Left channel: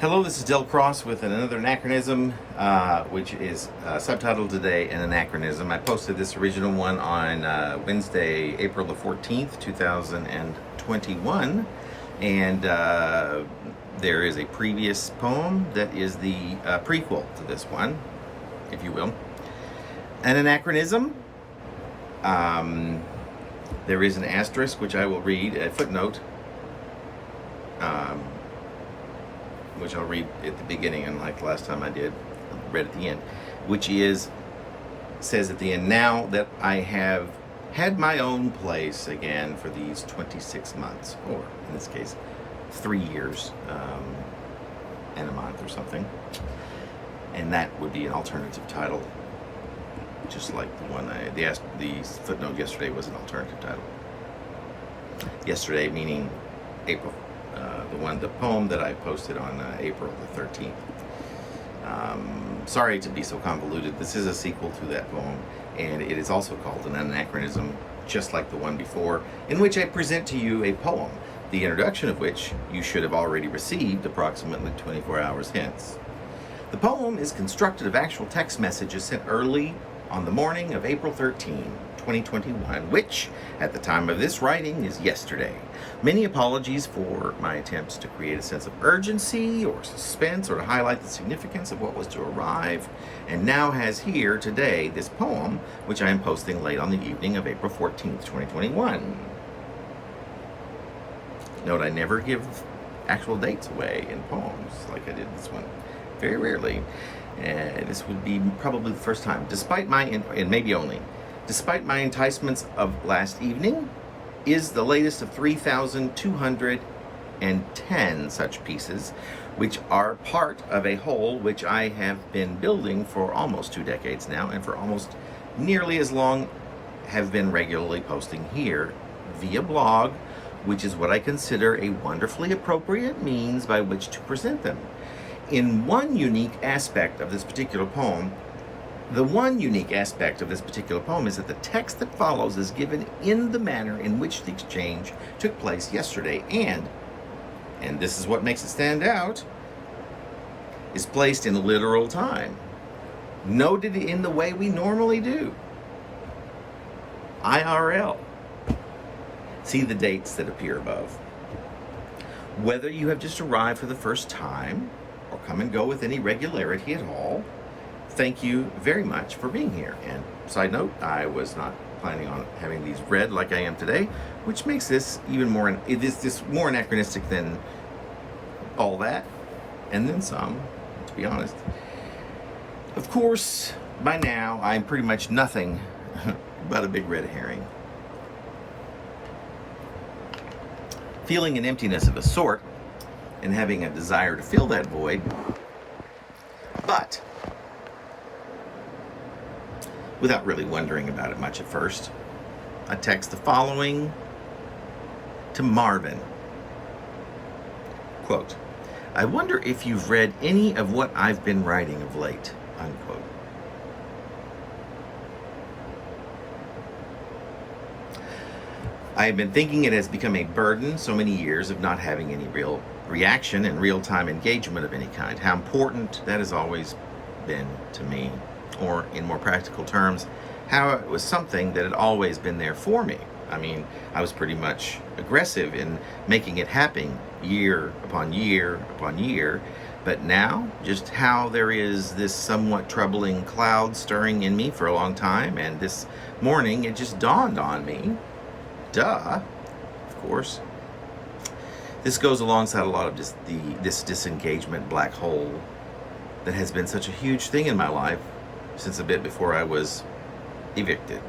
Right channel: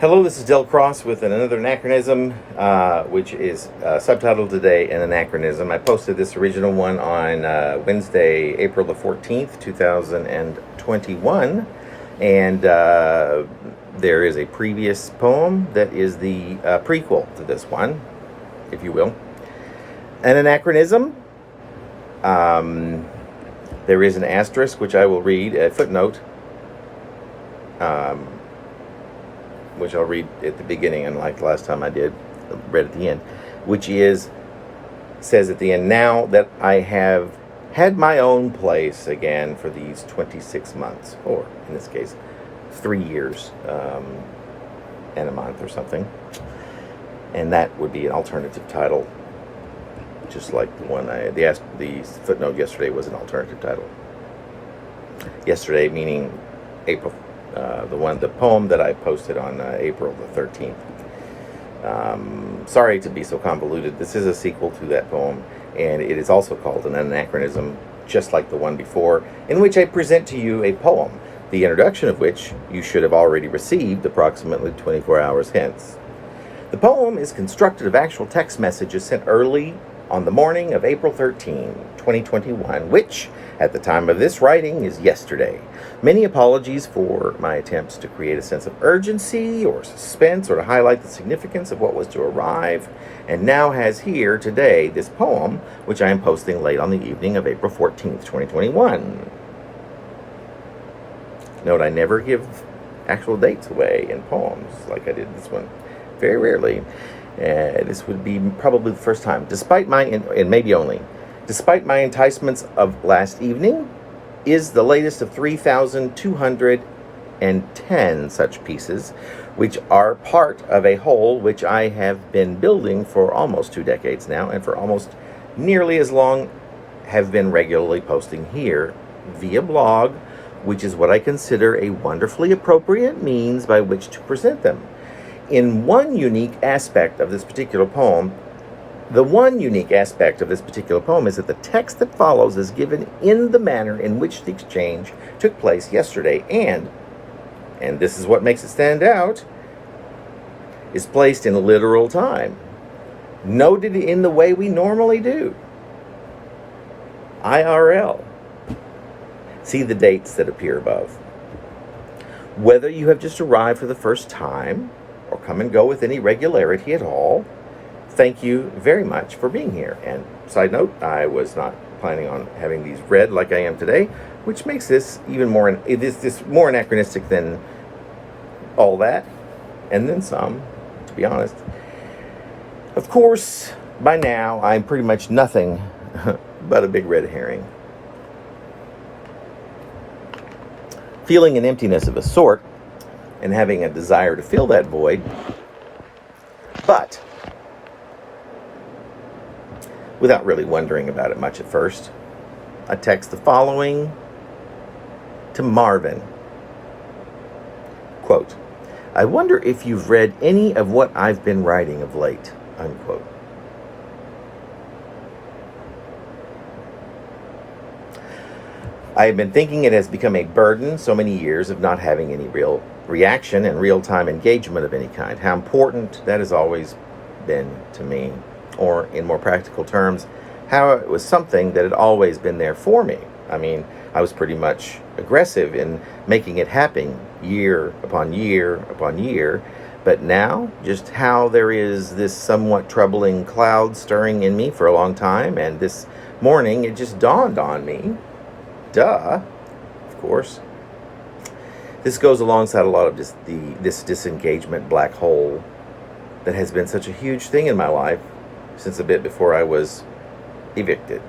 Hello, this is Del Cross with another anachronism, which is subtitled today an anachronism. I posted this original one on Wednesday, April the 14th, 2021, and there is a previous poem that is the prequel to this one, if you will. An anachronism. There is an asterisk, which I will read, a footnote, which I'll read at the beginning, unlike last time I read at the end, which says at the end, now that I have had my own place again for these 26 months, or in this case, 3 years and a month or something. And that would be an alternative title, just like the one the footnote yesterday was an alternative title. Yesterday meaning April. The poem that I posted on April the 13th. Sorry to be so convoluted. This is a sequel to that poem, and it is also called an anachronism, just like the one before, in which I present to you a poem, the introduction of which you should have already received approximately 24 hours hence. The poem is constructed of actual text messages sent early on the morning of April 13, 2021, which, at the time of this writing, is yesterday. Many apologies for my attempts to create a sense of urgency or suspense or to highlight the significance of what was to arrive, and now has here today this poem, which I am posting late on the evening of April 14th, 2021. Note, I never give actual dates away in poems like I did this one. Very rarely. This would be probably the first time, despite my enticements of last evening, is the latest of 3,210 such pieces, which are part of a whole which I have been building for almost 2 decades now, and for almost nearly as long have been regularly posting here via blog, which is what I consider a wonderfully appropriate means by which to present them. In one unique aspect of this particular poem, is that the text that follows is given in the manner in which the exchange took place yesterday, and this is what makes it stand out, is placed in literal time, noted in the way we normally do. IRL. See the dates that appear above. Whether you have just arrived for the first time, or come and go with any regularity at all, thank you very much for being here. And side note, I was not planning on having these read like I am today, which makes this even more, more anachronistic than all that, and then some, to be honest. Of course, by now, I'm pretty much nothing but a big red herring. Feeling an emptiness of a sort, and having a desire to fill that void, but without really wondering about it much at first, I text the following to Marvin. Quote, I wonder if you've read any of what I've been writing of late, unquote. I have been thinking it has become a burden, so many years of not having any real reaction and real-time engagement of any kind. How important that has always been to me, or in more practical terms, how it was something that had always been there for me. I mean, I was pretty much aggressive in making it happen year upon year upon year, but now just how there is this somewhat troubling cloud stirring in me for a long time, and this morning it just dawned on me. Duh, of course. This goes alongside a lot of this disengagement black hole that has been such a huge thing in my life since a bit before I was evicted,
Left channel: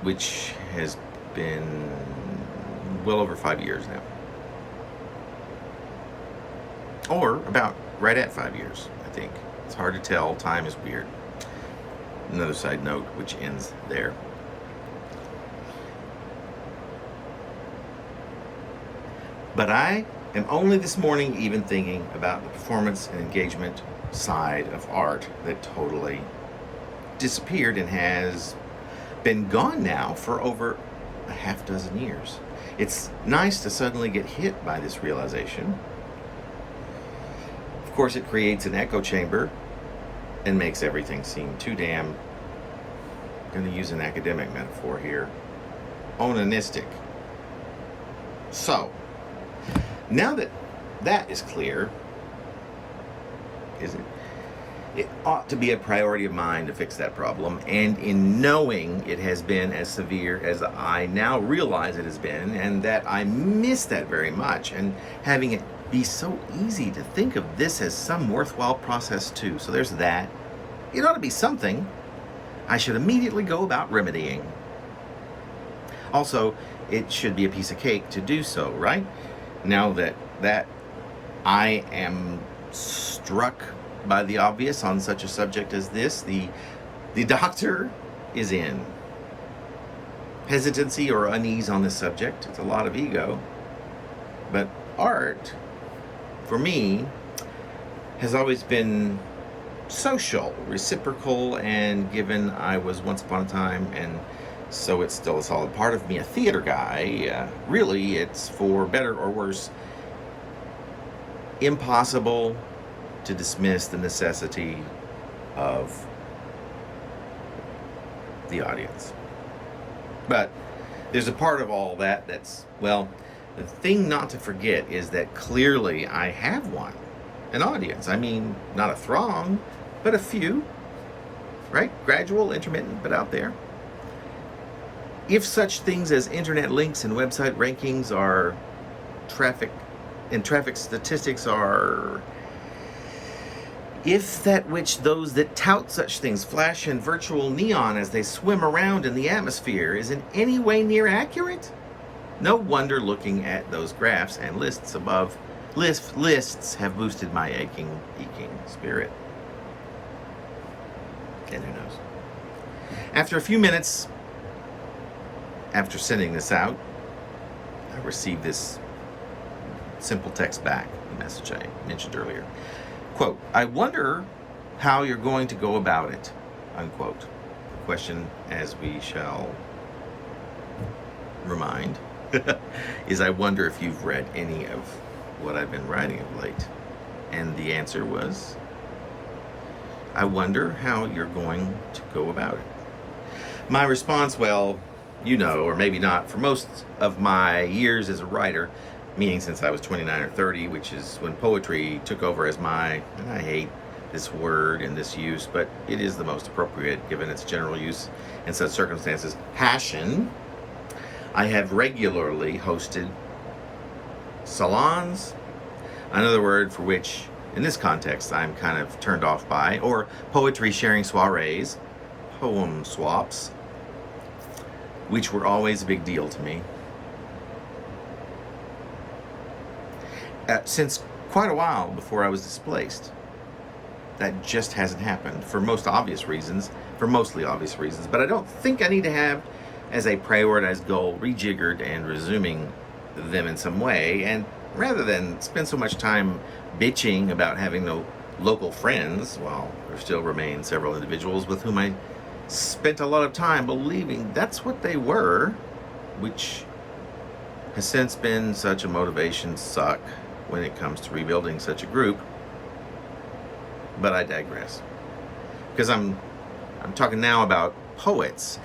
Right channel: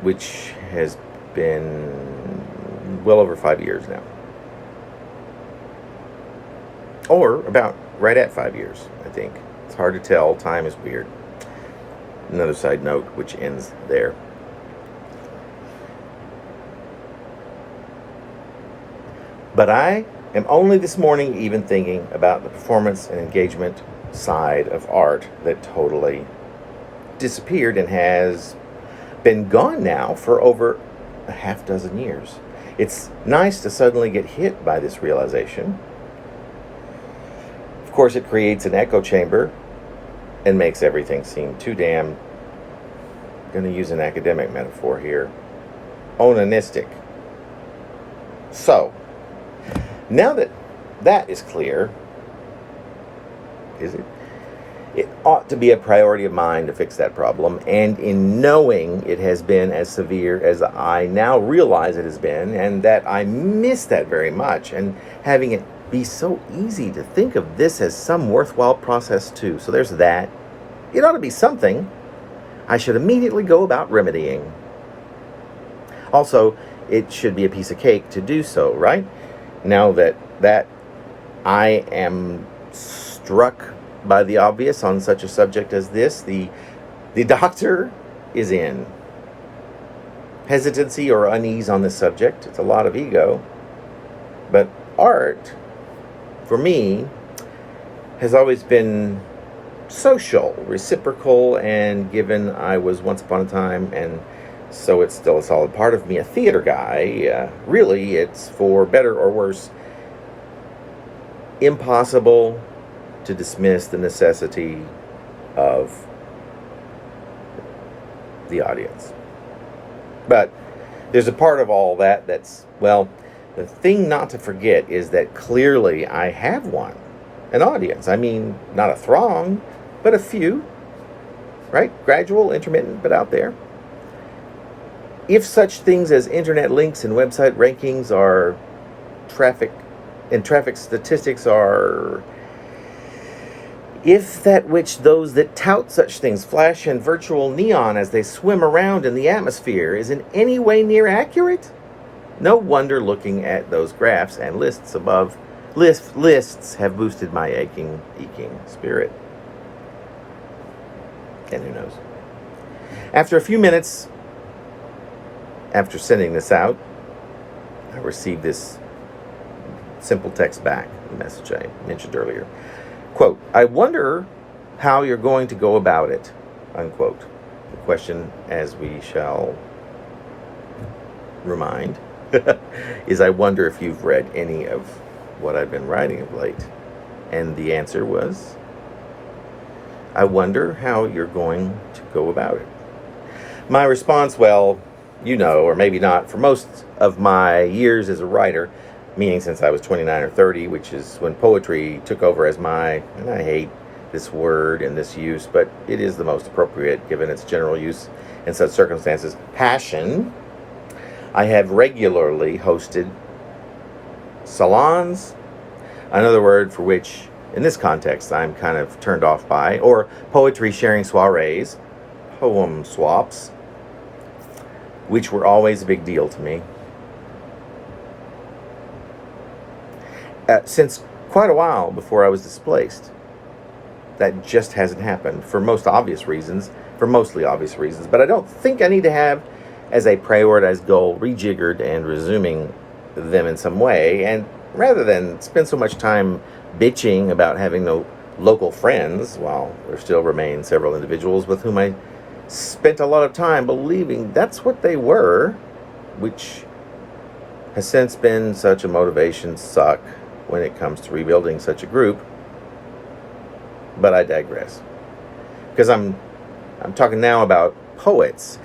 which has been well over 5 years now. Or about right at 5 years, I think. It's hard to tell. Time is weird. Another side note, which ends there. But I am only this morning even thinking about the performance and engagement side of art that totally disappeared and has been gone now for over a half dozen years. It's nice to suddenly get hit by this realization. Of course, it creates an echo chamber and makes everything seem too damn, I'm going to use an academic metaphor here, onanistic. So, now that that is clear, is it? It ought to be a priority of mine to fix that problem, and in knowing it has been as severe as I now realize it has been, and that I miss that very much, and having it be so easy to think of this as some worthwhile process too. So there's that. It ought to be something I should immediately go about remedying. Also, it should be a piece of cake to do so, right? Now that I am struck by the obvious on such a subject as this, the doctor is in. Hesitancy or unease on this subject, it's a lot of ego. But art, for me, has always been social, reciprocal, and given I was once upon a time, and so it's still a solid part of me, a theater guy, really, it's for better or worse, impossible to dismiss the necessity of the audience. But there's a part of all that that's, well, the thing not to forget is that clearly I have one, an audience. I mean, not a throng, but a few, right? Gradual, intermittent, but out there. If such things as internet links and website rankings are traffic statistics are, if that which those that tout such things flash in virtual neon as they swim around in the atmosphere is in any way near accurate, no wonder looking at those graphs and lists above, lists have boosted my aching spirit. And who knows? After a few minutes after sending this out, I received this simple text back, the message I mentioned earlier. Quote, I wonder how you're going to go about it, unquote. The question, as we shall remind, is I wonder if you've read any of what I've been writing of late. And the answer was, I wonder how you're going to go about it. My response, well, you know, or maybe not, for most of my years as a writer, meaning since I was 29 or 30, which is when poetry took over as my, and I hate this word and this use, but it is the most appropriate given its general use in such circumstances, passion, I have regularly hosted salons, another word for which, in this context, I'm kind of turned off by, or poetry sharing soirees, poem swaps, which were always a big deal to me. Since quite a while before I was displaced. That just hasn't happened for mostly obvious reasons, but I don't think I need to have as a prioritized goal rejiggered and resuming them in some way, and rather than spend so much time bitching about having no local friends, while there still remain several individuals with whom I spent a lot of time believing that's what they were, which has since been such a motivation suck when it comes to rebuilding such a group. But I digress, because I'm talking now about poets,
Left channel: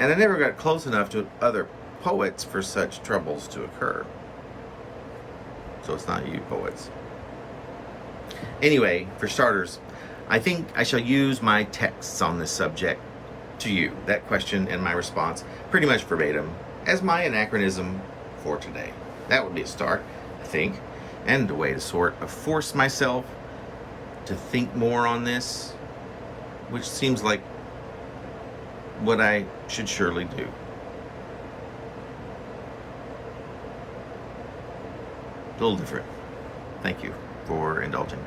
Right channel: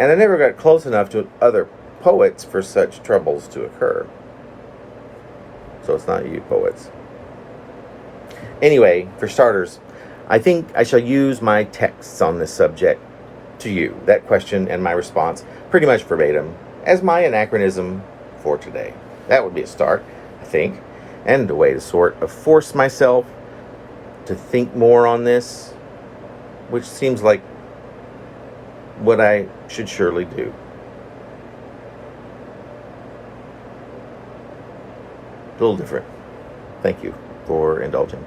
and I never got close enough to other poets for such troubles to occur. So it's not you poets. Anyway, for starters, I think I shall use my texts on this subject to you, that question and my response, pretty much verbatim, as my anachronism for today. That would be a start, I think, and a way to sort of force myself to think more on this, which seems like what I should surely do. A little different. Thank you for indulging.